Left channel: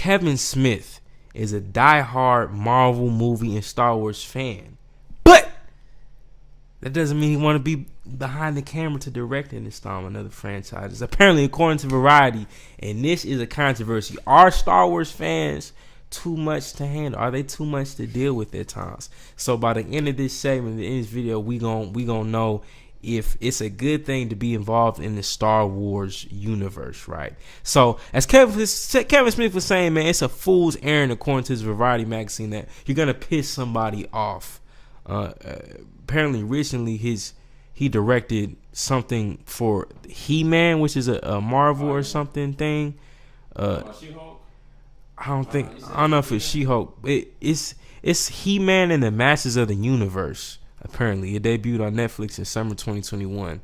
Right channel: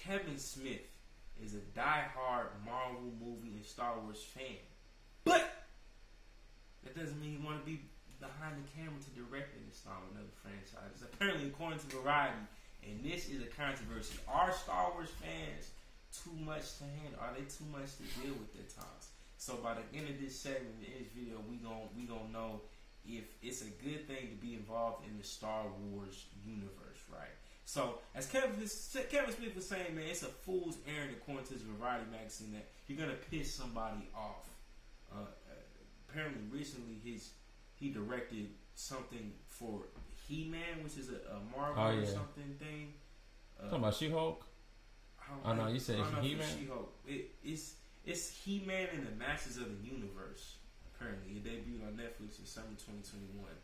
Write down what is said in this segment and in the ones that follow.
Kevin Smith is a diehard Marvel movie and Star Wars fan, but that doesn't mean he want to be behind the camera to direct and install another franchise. Apparently, according to Variety, and this is a controversy, are Star Wars fans too much to handle? Are they too much to deal with at times? So by the end of this segment, the end of this video, we gonna know if it's a good thing to be involved in the Star Wars universe, right? So as Kevin Smith was saying, man, it's a fool's errand according to his Variety magazine that you're gonna piss somebody off. Apparently, recently he directed something for He-Man, which is a Marvel or something thing. She-Hulk? I don't know if it's She-Hulk. It's He-Man and the Masters of the Universe. Apparently, it debuted on Netflix in summer 2021,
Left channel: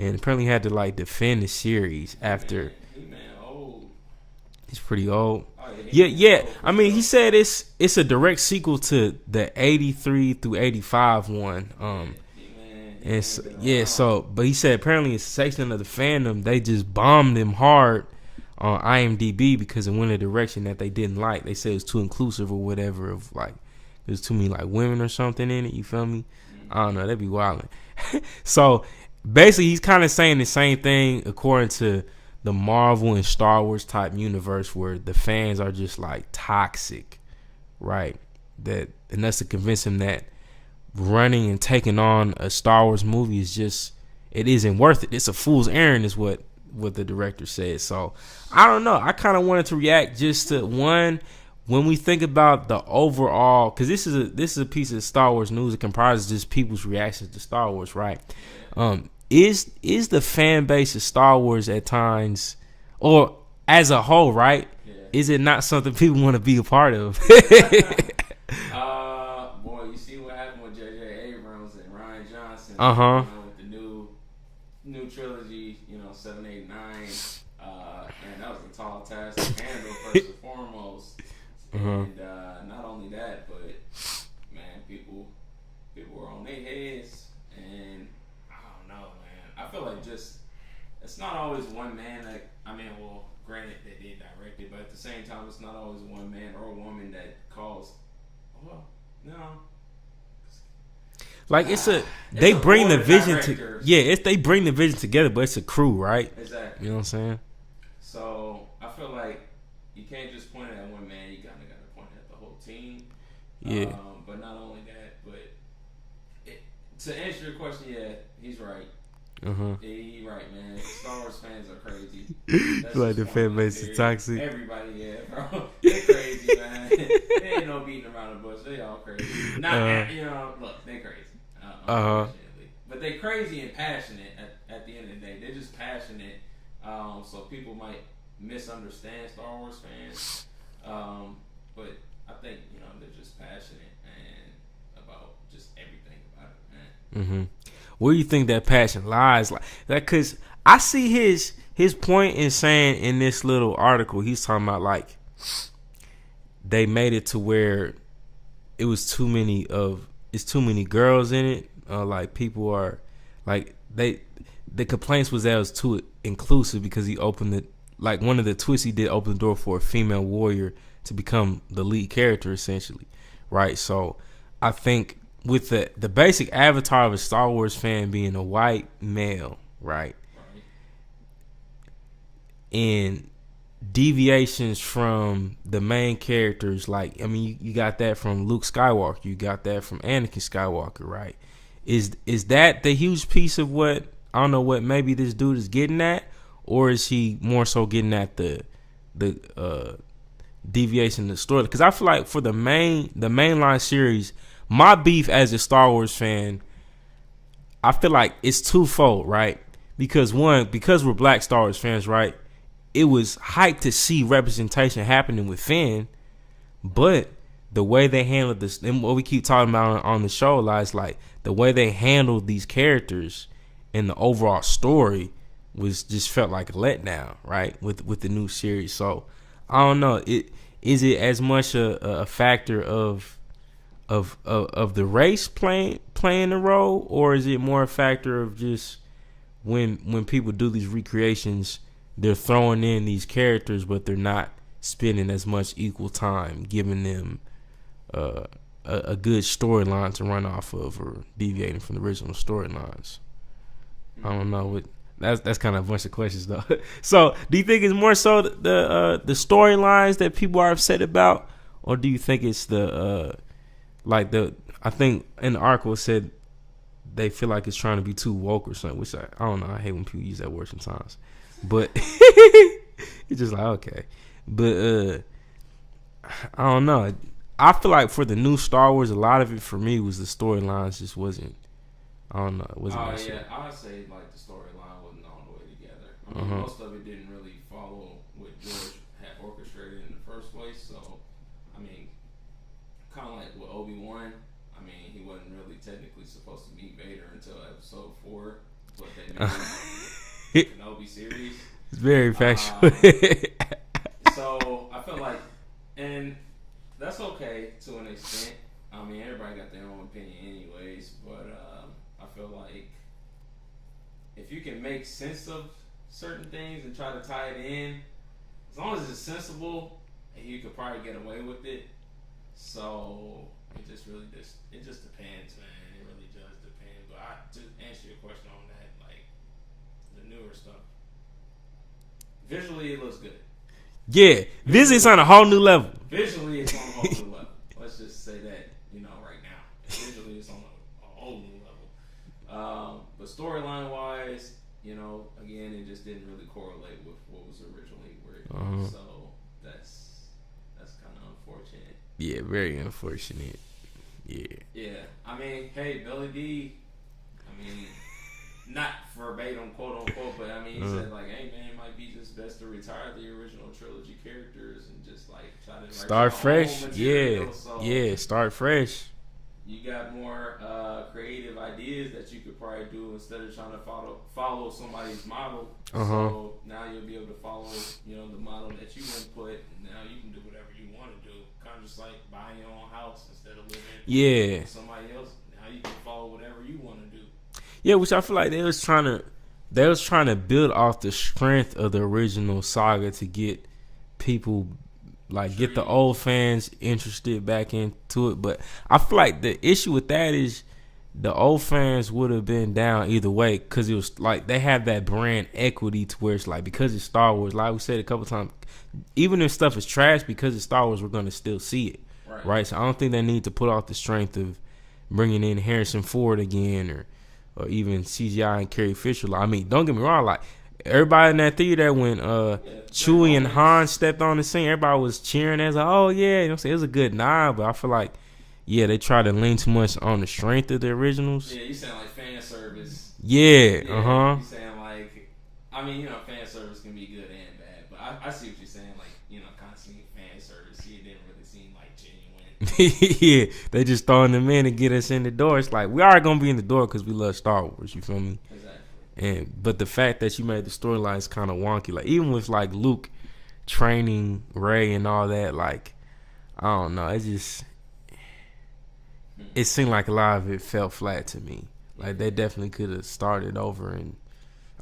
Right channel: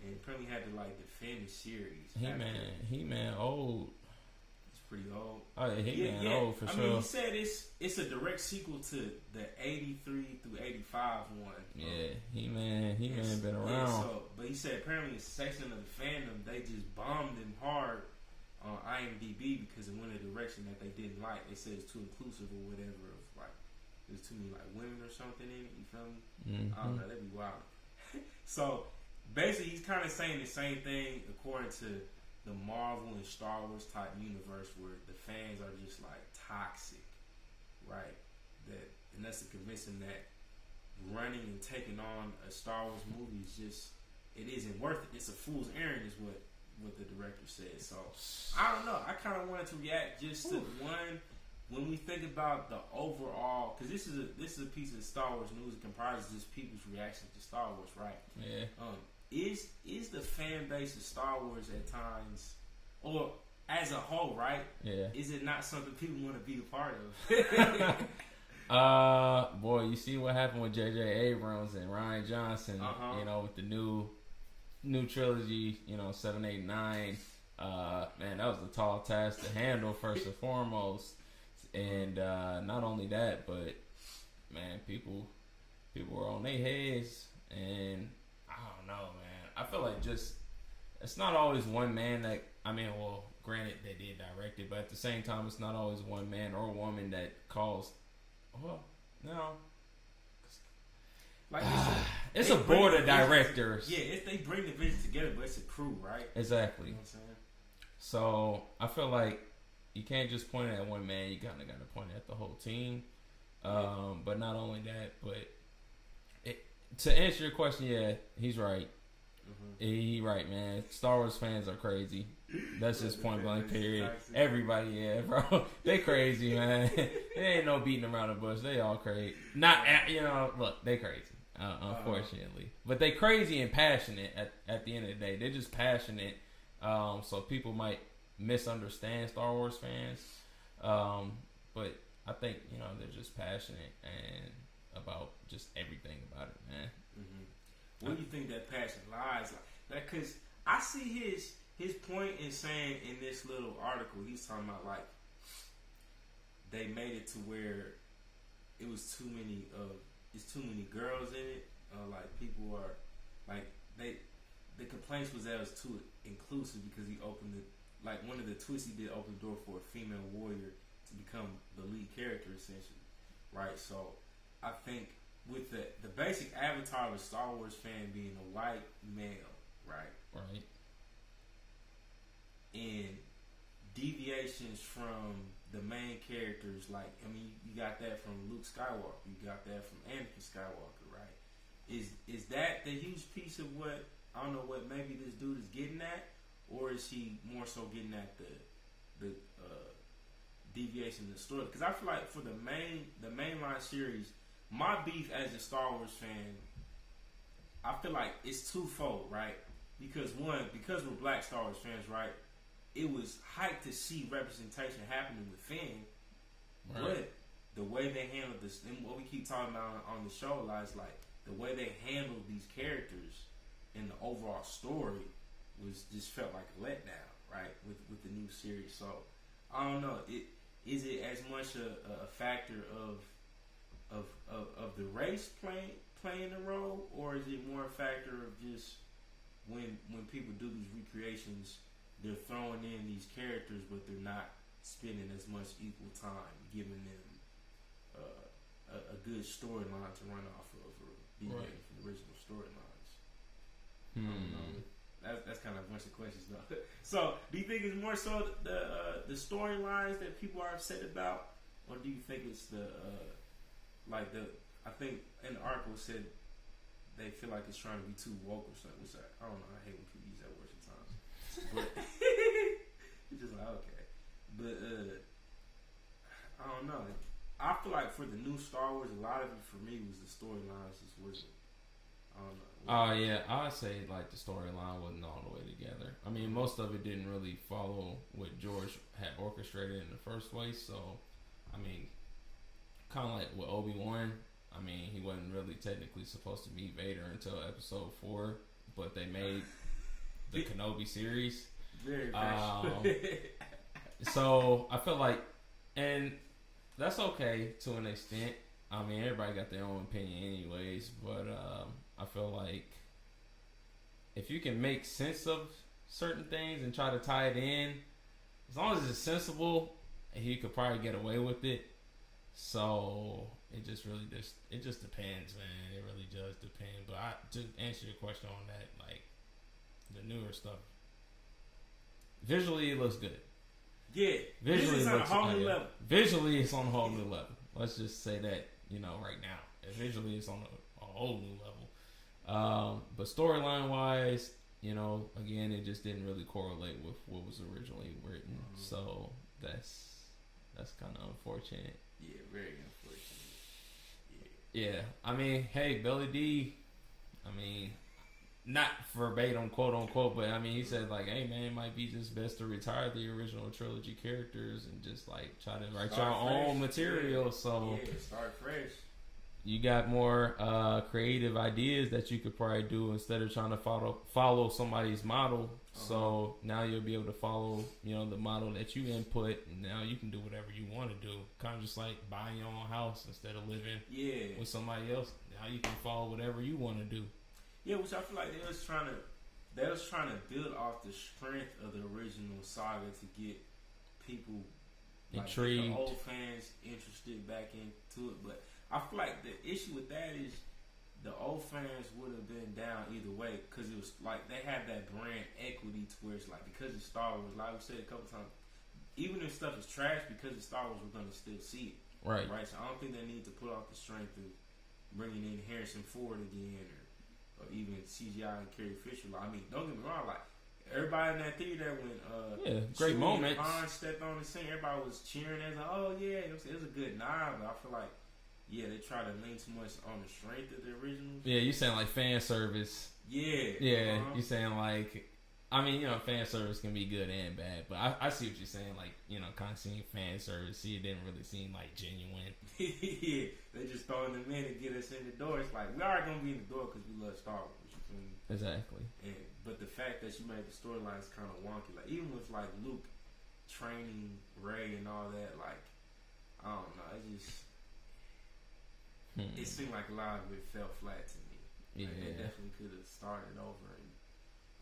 and apparently had to like defend the series after. He-Man old. He's pretty old. Oh, yeah. Old I mean, sure. he said it's a direct sequel to the 83 through 85 one. But he said apparently a section of the fandom, they just bombed him hard on IMDb because it went a direction that they didn't like. They said it was too inclusive or whatever, of like there's too many like women or something in it. You feel me? I don't know. That'd be wilding. So basically, he's kind of saying the same thing according to the Marvel and Star Wars type universe, where the fans are just like toxic, right? And that's to convince him that running and taking on a Star Wars movie it isn't worth it. It's a fool's errand, is what the director said. So I don't know. I kind of wanted to react just to one, when we think about the overall, because this is a piece of Star Wars news that comprises just people's reactions to Star Wars, right? Yeah. Is the fan base of Star Wars at times, or as a whole, right? Yeah. Is it not something people want to be a part of? Boy, you see what happened with J.J. Abrams and Rian Johnson. With the new trilogy, 7, 8, 9. And that was a tall task to handle first and foremost. And not only that, but man, people were on their heads, and I don't know, man. I feel like it's not always one man that, granted they did direct it, but at the same time, it's not always one man or woman that caused. Well, no. Like they bring the vision they bring the vision together, but it's a crew, right? Exactly. You know what I'm saying? So I feel like you can't just point at one man. You kind of got to point at the whole team. Yeah. But not only that, but to answer your question, yeah, he's right. He right, man. Star Wars fans are crazy. That's like the fan base is toxic. Everybody, yeah, bro. They're crazy, man. They ain't no beating around the bush. They all crazy. Look, they crazy. Unfortunately, but they crazy and passionate. At the end of the day, they're just passionate. So people might misunderstand Star Wars fans, but I think they're just passionate and about just everything about it, man. Where do you think that passion lies? Like that, because I see his point in saying in this little article, he's talking about like they made it to where it was too many girls in it. Like people are like the complaints was that it was too inclusive because he opened it. Like one of the twists he did open the door for a female warrior to become the lead character essentially, right? So I think with the basic avatar of a Star Wars fan being a white male, right? And deviations from the main characters, like you got that from Luke Skywalker, you got that from Anakin Skywalker, right? Is that the huge piece of what I don't know what maybe this dude is getting at? Or is he more so getting at the deviation of the story? Because I feel like for the mainline series, my beef as a Star Wars fan, I feel like it's twofold, right? Because because we're black Star Wars fans, right? It was hyped to see representation happening with Finn, but the way they handled this, and what we keep talking about on the show, is like the way they handled these characters and the overall story was just felt like a letdown, right? With the new series. So I don't know. Is it as much a factor of the race playing a role, or is it more a factor of just when people do these recreations, they're throwing in these characters, but they're not spending as much equal time, giving them a good storyline to run off of, or deviating from the original storylines. I don't know what. That's kind of a bunch of questions though. So, do you think it's more so the storylines that people are upset about, or do you think it's the I think in the article it said they feel like it's trying to be too woke or something, which I don't know. I hate when people use that word sometimes, but it's just like okay, but I don't know. I feel like for the new Star Wars, a lot of it for me was the storylines just wasn't. I don't know. It wasn't I would say like the storyline wasn't all the way together. I mean, most of it didn't really follow what George had orchestrated in the first place. So, I mean, kind of like with Obi-Wan. I mean, he wasn't really technically supposed to be Vader until Episode 4, but they made the Kenobi series. It's very factual. So I felt like, and that's okay to an extent. I mean, everybody got their own opinion anyways, but I feel like if you can make sense of certain things and try to tie it in, as long as it's sensible, you could probably get away with it. So it just depends, man. It really does depend. But to answer your question on that, like the newer stuff, visually it looks good. Yeah, visually it's on a whole new level. Visually it's on a whole new level. Let's just say that, right now. Visually it's on a whole new level. But storyline wise, again, it just didn't really correlate with what was originally written. So that's kind of unfortunate. Yeah, very unfortunate. Yeah. Yeah. I mean, hey, Billy D. I mean, not verbatim, quote unquote, but I mean, he said like, "Hey, man, it might be just best to retire the original trilogy characters and just like try to start fresh." Material. Yeah. So yeah, start fresh. You got more creative ideas that you could probably do instead of trying to follow somebody's model. So now you'll be able to follow, the model that you input, and now you can do whatever you want to do. Kind of just like buying your own house instead of living with somebody else. Now you can follow whatever you want to do. Yeah, which I feel like they was trying to build off the strength of the original saga to get people. Like, get the old fans interested back into it. But I feel like the issue with that is the old fans would have been down either way, because it was like they have that brand equity to where it's like, because it's Star Wars, like we said a couple times, even if stuff is trash, because it's Star Wars, we're going to still see it. Right? So I don't think they need to put off the strength of bringing in Harrison Ford again or even CGI and Carrie Fisher. Like, I mean, don't get me wrong, like, everybody in that theater when Chewie and Han stepped on the scene, everybody was cheering as like, oh yeah, it was a good nod. But I feel like, they try to lean too much on the strength of the originals. Yeah, you saying like fan service. Yeah, You saying like, I mean, fan service can be good and bad, but I see what you're saying. Like, kind of seeing fan service. See, it didn't really seem like genuine. Yeah, they just throwing them in to get us in the door. It's like, we are gonna be in the door because we love Star Wars. You feel me? Exactly. But the fact that you made the storylines kind of wonky, like even with like Luke training Rey and all that, like I don't know, it seemed like a lot of it fell flat to me. Like they definitely could have started over and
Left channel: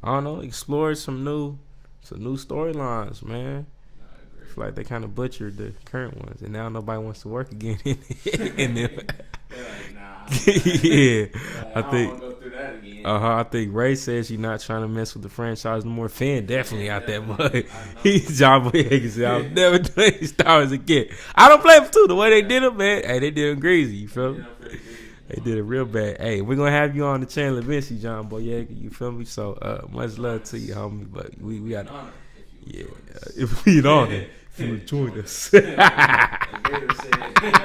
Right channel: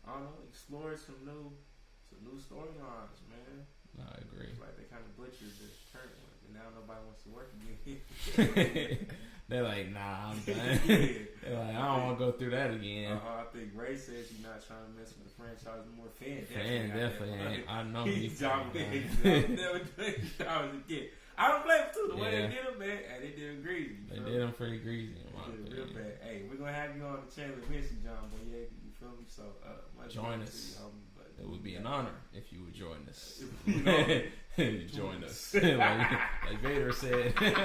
I don't know, explored some new storylines, man. I agree. I feel like they kind of butchered the current ones, and now nobody wants to work again in them. They're like, nah. Yeah. Like, I don't want to go through that again. I think Ray says she's not trying to mess with the franchise no more. Finn definitely out that mud. He's John Boyega said, I'll never do any Star Wars again. I don't blame him too. The way they did him, man. Hey, they did him greasy. You feel me? They did it real bad. Hey, we're gonna have you on the channel eventually, John Boyega. You feel me? So much love to you, homie. But we got if you would join us. If we on it, if you would join us. Like Vader said.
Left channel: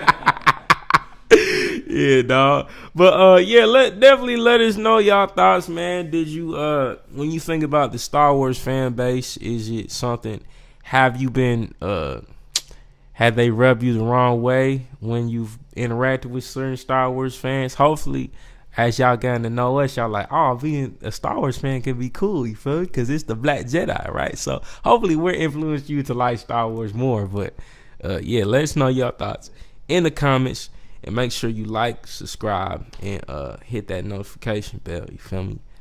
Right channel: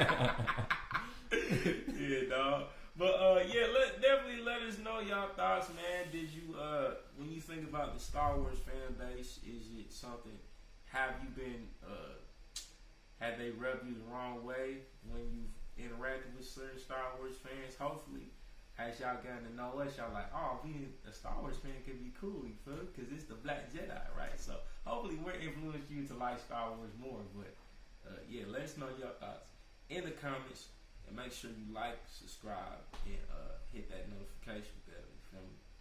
Yeah, dog. But definitely let us know y'all thoughts, man. Did you when you think about the Star Wars fan base, is it something? Have you been have they rubbed you the wrong way when you've interacted with certain Star Wars fans? Hopefully, as y'all getting to know us, y'all like, oh, being a Star Wars fan can be cool, you feel? Because it's the Black Jedi, right? So hopefully we're influenced you to like Star Wars more. But let us know your thoughts in the comments. And make sure you like, subscribe, and hit that notification bell. You feel me?